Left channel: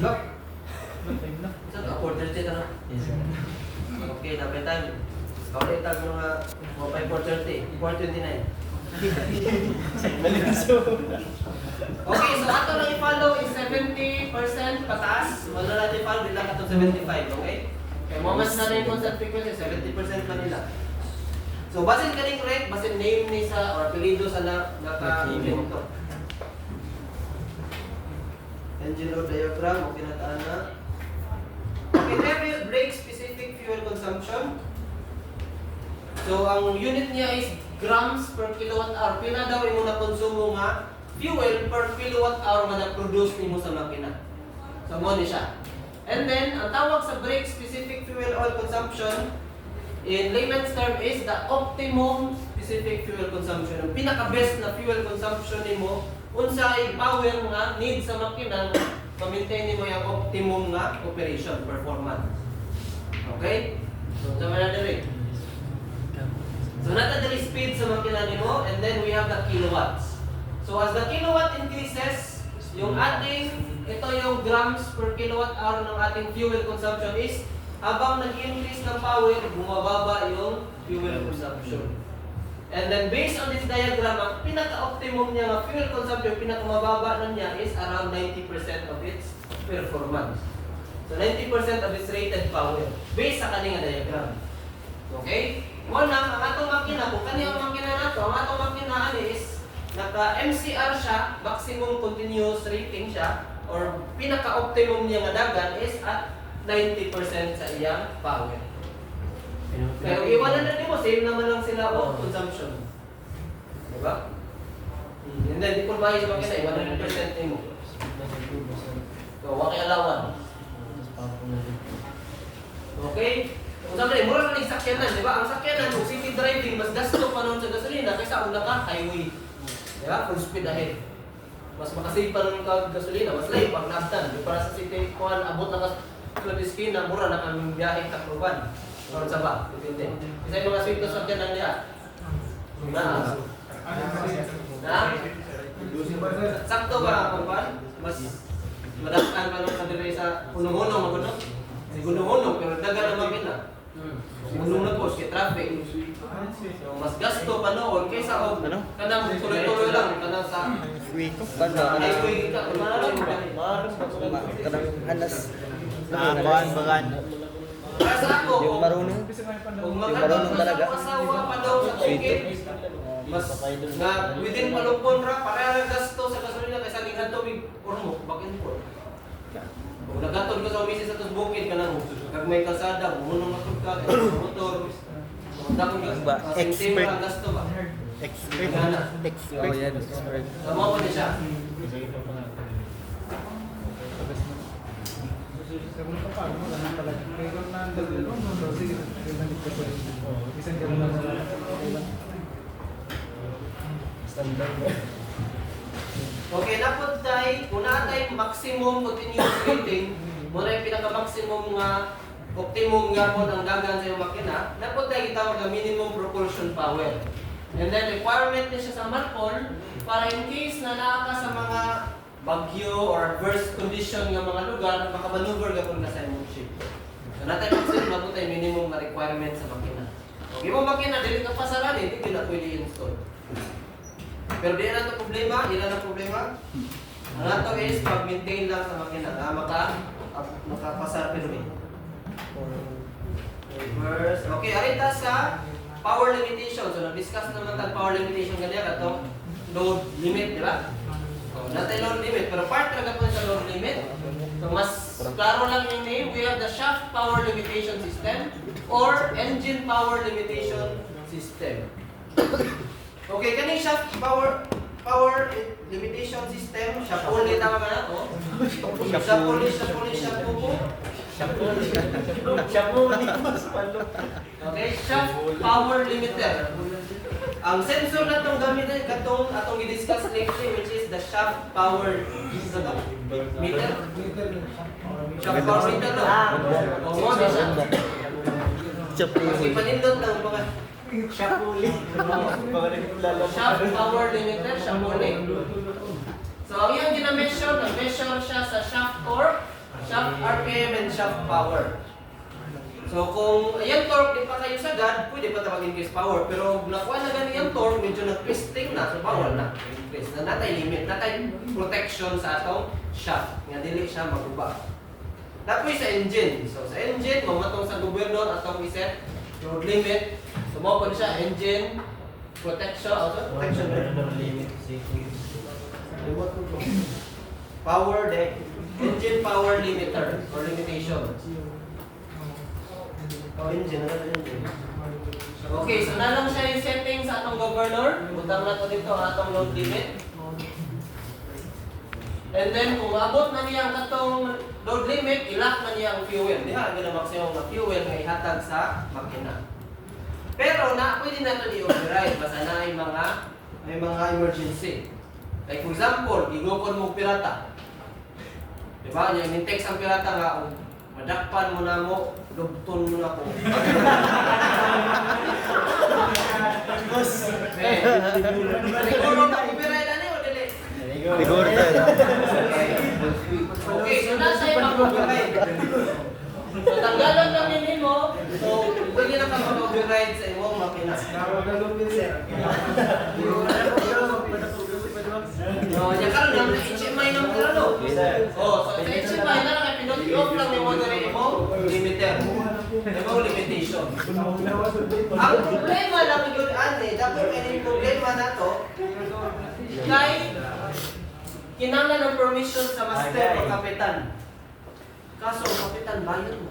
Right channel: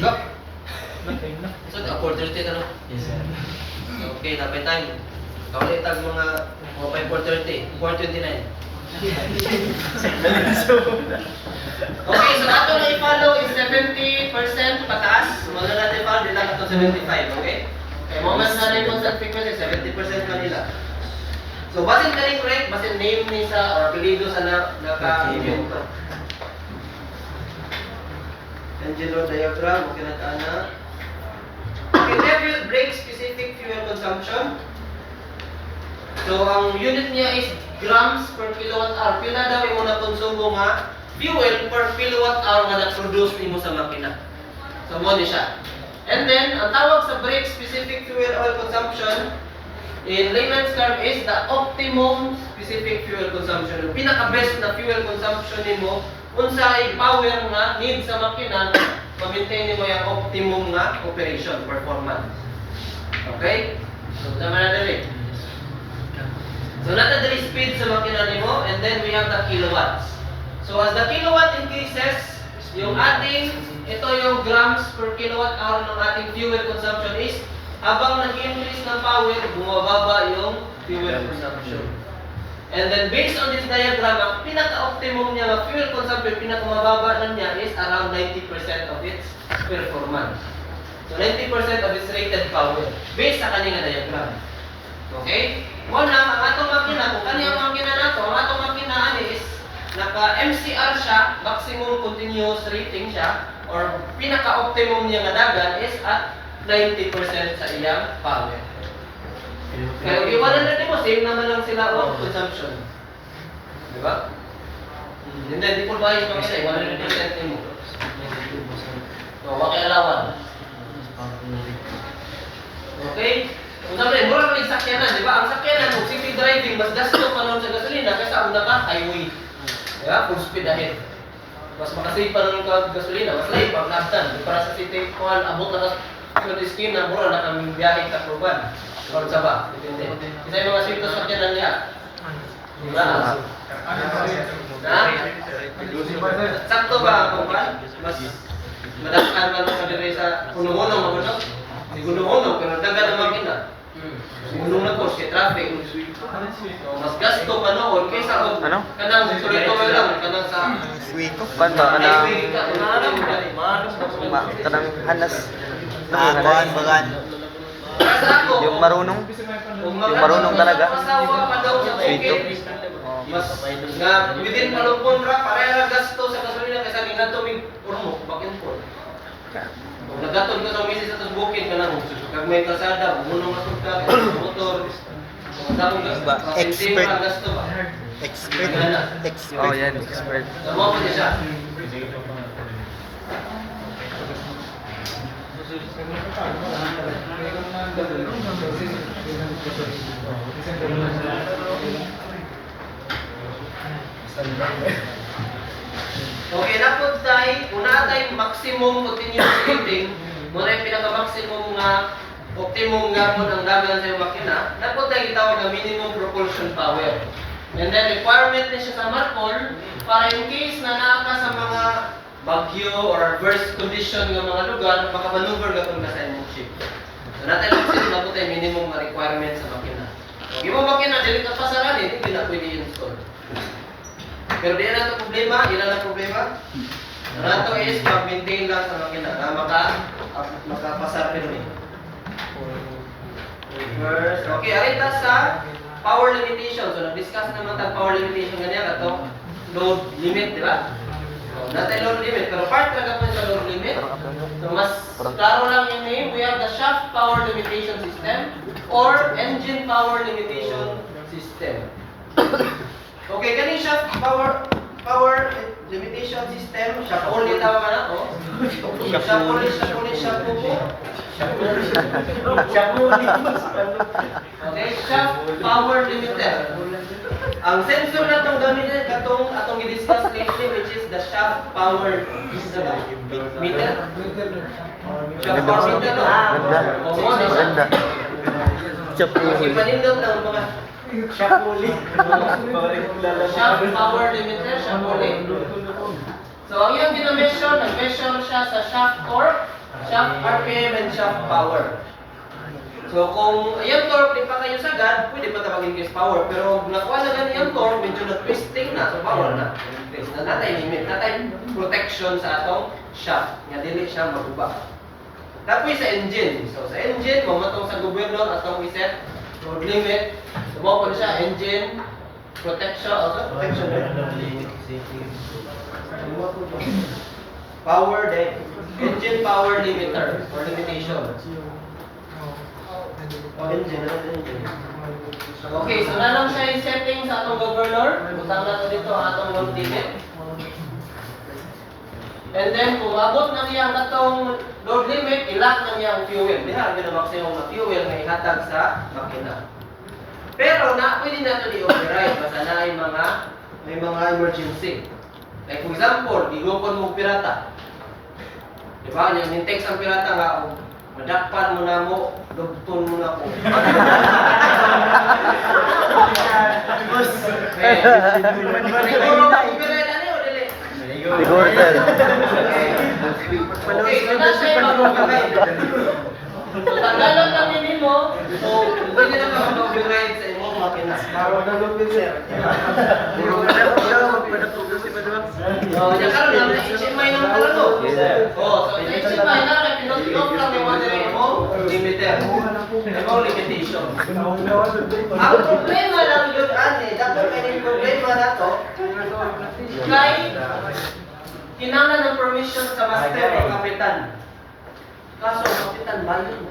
Look. So, 4:30 ka no? Yes, sir. Okay, tapay time. Kaulit tag mga 4:30, 4:29. Okay, so ato na i-follow is 70% pataas. Wala natin i-follow, di lang ito 75, okay? Kaya moment na rin constant frequency, 70% Manila. So, basin ka rin correct, basin name ni sa or apelido sa naka-review ito. Angelo diagram, okay na taana. Okay, level break specific fuel consumption. So, ang unit niya is grams per kilowatt hour. Pila daw yung na konsumo nga fuel per kilowatt hour nga na-produce nimo sa makina. So, mo ni siya. And then, ang tawag sa break specific fuel oil consumption in layman's term is the optimum specific fuel consumption. Ang pinaka-best na fuel consumption nimo unsay power nga need sa makina ma-maintain nimo yung optimum nga operation performance. Okay? So, tama na dali. So, natadali speed sa makina nimo and then we have the kilowatts. So, as the kilowatt increases, yung ating, ito yung grams per kilowatt hour ng ating fuel consumption is habang nag-increase ng power, bumababa yung fuel consumption. And then based on this diagram, ang pinaka-optimum niya ng fuel consumption, pinaka-mababa na niya is around 90% of its performance. So 90% of its rated power based sa kanyang diagram. Okay? Una, ang atong makina, kung kanyang makina na to, ang atong makina is naka-MCR siya, maximum continuous rating siya, or pinaka-optimum niya nga dagan is at 90% sa iyang power. Kaya iwanan natin mo, same naman lang sila of consumption. Diba? And then, di po ba yung makina, 100% mo. So, wakialawan. Okay? Kung sabi, mura ka ng sakyanan, di ba? Ang sakyanan, kung city driving, mas gasto pa nun sa gasolina kaysa una ka, highway. Di ba? Full speed ahead. Mas makasave pa nun ka gasolina, mas layo pag nabtan. Para sa city, kung abot na ka sa esquina, mura na kaming biyahe ka Proban. Or sa ba? Depende. Isa yung mga sweet sakyanan niya. Diba? Na? Sakto ba ang Proban? Mas madakan pa nung kadiri sa punong-unong magulo. Sigulong-unong, pero dagan ang makina. Sigulong na po, si traffic. So, mas gasto pa noon kaysa kung kanang tuloy-tuloy lang, kanang sa Wiko, pan ba ka na? Kanang hanas. Bagan. Yung marunong. Yung marunong talaga. Wiko. Mas nga within palupon ra pareha gasto sa gasolina kaysa ni ngadto mig urmo back and forth. Kung naggatod ka sa misis sa bukid ka nang kag may kalsada, munong matug ka sa motor. Damo gasto. Expert. Gasto ba? Expert. Oh, yan, expert. Tama mo siya. Okay, napod tayo, una tayo maximum continuous rating, muna yung pinaka-maximum nga, optimum nga po ng dagan sa yung makina, napod tayo itawag na minimum propulsion power. And then requirement na siya sa Marcol, para in case na naaka sa mga bagyo or adverse condition ng mga lugar, makamaneuver ka kung nasa imong ship. So natin lang napod tayo minimum nga requirement sa makina. Kung yung makina, dili ka pasaran, hindi na pwede install. Pero di na ito problema, yun lang ang problema. Ang ito is mag-maintain lang sa makina na makapasar pero eh. Okay, arita sa power limitation. So, nag-discuss naman tayo power limitation ganyan ito. Load limit, di ba? Natin load limit, pero part talaga po sa load limit. So, mas klaro lang yung name. We have the shaft power limitation system or engine power limitation system. Okay, kaning shaft power limitation system, shaft only tawag na to. Shaft only. Okay, shaft power limiter. Ang sensor na itong gamitin atong i-discuss lately, which is the shaft power meter. Shaft power meter, no? Ganda. Kasi panindot lang baka. Shaft power limiter, shaft only. So, ang iyong dina-measure, nag-measure siya sa shaft torque, shaft RPM, and shaft power. So, kung ayan torque, di pa kayo sagad, pwede pa tawagin case power. Pero kung nakuha na ganun yung torque, medyo nag-twisting na, so power na. Increase na natay limit, natay protection sa atong shaft. Nga dili siya maguba. Tapos sa engine. So, sa engine, mamatong sa gobyerno at atong iset load limit. So, mo po siya, engine, protection, protection limit. Power deck, engine power limiter or limitation. Okay, so na lang siya yung setting sa atong governor. Butang na to dito ang atong load limit. And then kung abot na niya ang atong load limit, ilock na niya ang fuel. Diha, ginamak sa yung fuel na ihatag sa makina. Pero na pwede na ito i-override basta na may mga emergency. Like for example, gigukon mo pirata. Diba? Yung text ang pirata nga, madakpan mo na mo, lugton mo na ko. Siguro mag-override ano yun, dili? Siguro sir. Okay, so na siya yung mag-override. So tanggalan lang nini mo, so pwede na ka mag-override sa imong makina. So, yung karoon lang, HMI ng karano. Oh, so sa HMI na lang, pinot-off lang yung mga mo, limiter. Yung limitation. Ang problema lang yun, ane, dapat yung problema na to, kay kinanglan ng permission sa master o kapitan. Kaso, kapitan, bayan mo.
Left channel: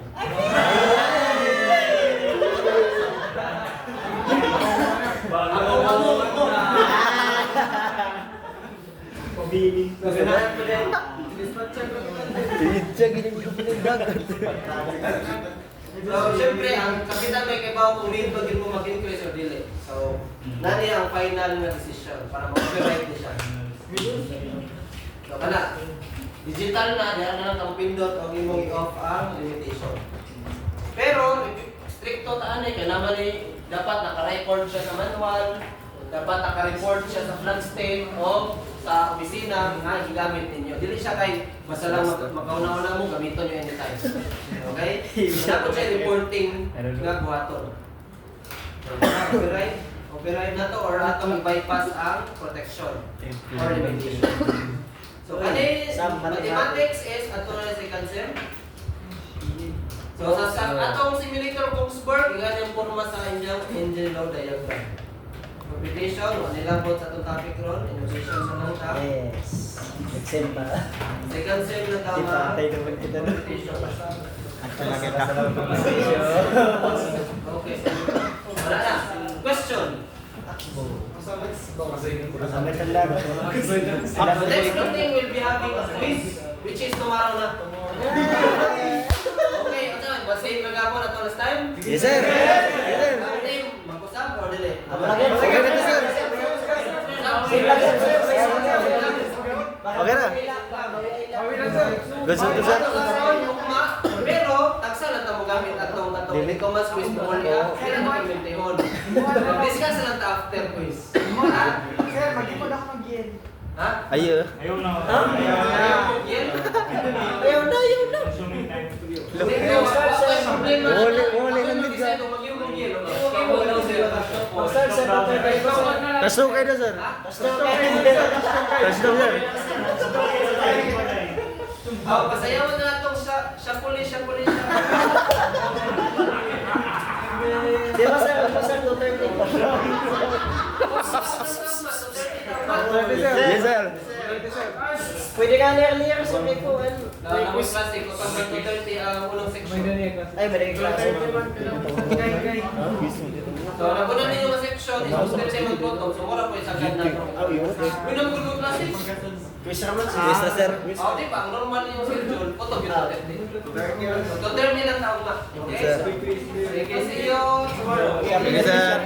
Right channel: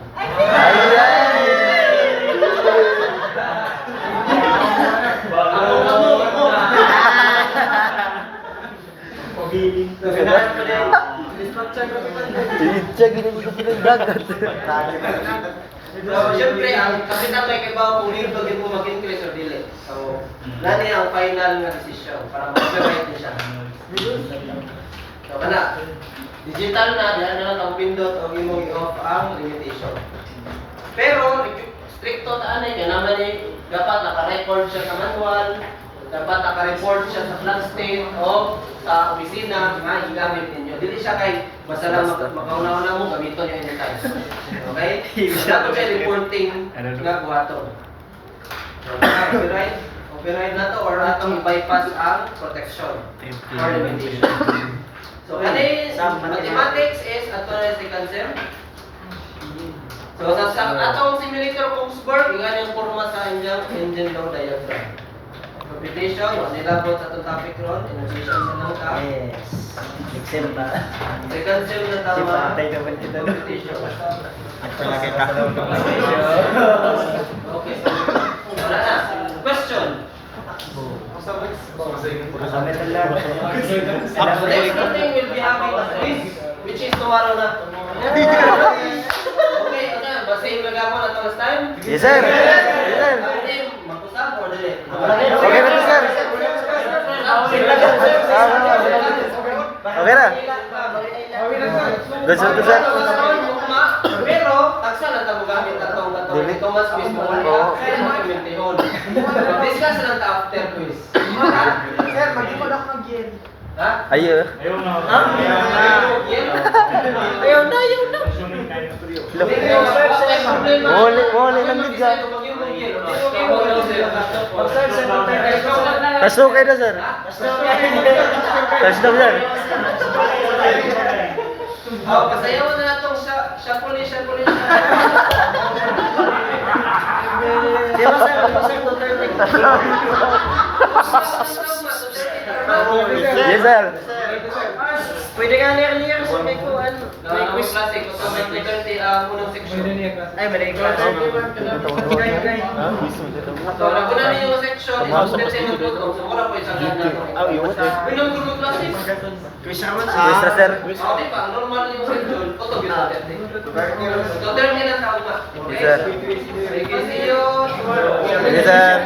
Pinitsya, ginagin dagat. So, syempre, ang kapitan may kaibaw kung rin bagay mo mag-increase or delay. So, nani ang final nga decision para mag-override niya siya. So, kana, digital na, diyan na lang ang pindot o imong i-off ang limitation. Pero, stricto ta anay, kaya naman dapat naka-record siya sa manual, dapat naka-report siya sa flag state o sa opisina nga igamit ninyo. Dili siya kay basta lang makauna-una mo gamiton niya anytime. Okay? Dapat siya reporting nga buhaton. Copyright? Copyright na to or atong bypass ang protection or limitation. So, mathematics is ato na second sem. So, sa atong simulator Kongsberg, iyan yung forma sa inyong engine load diagram. Computation, nilabot sa itong topic ron, enunciation sa nang ka. Yes. Excel ba? Second sem na tama. Patay ka ba kita na? Computation. At palagi ka. Okay, so wala na. Question. Kami talaga. Next meeting will be having a quiz, which is tomorrow na. Okay, okay. Basing nagapon at last time? Yes sir. Yes sir. Mag-usap or dili? Okay na sir. Okay na. Gusto ko sir. Pero, taksa lang tamo gamit atong Dili. Thomas quiz mo Oo. kaya mag-implementehon. Mag-discuss lang ta after quiz. Sir, mag-ipon ako mag-yen. Ha? Ayo. Ayaw na. Ayaw na. Wala lang din sir. Sir, sir, Kaso kayo na sir. Kaso na sir. Kasayawan na itong siya puli. Di ba sir, sir, 230. Yes sir. Pwede ka earlier sir, may kuhan. May quiz. Classic, unang section. Ay, may class. So, naguna ninyo yung section, step 7 po. So, muna po isang ganda. Pinang gulong classic. Quiz naman Quiz na sir. Di ba? Ang normal yung section, photo gino 30. So, terminal na tao na. Yes sir. Okay, see you tomorrow. Yes sir.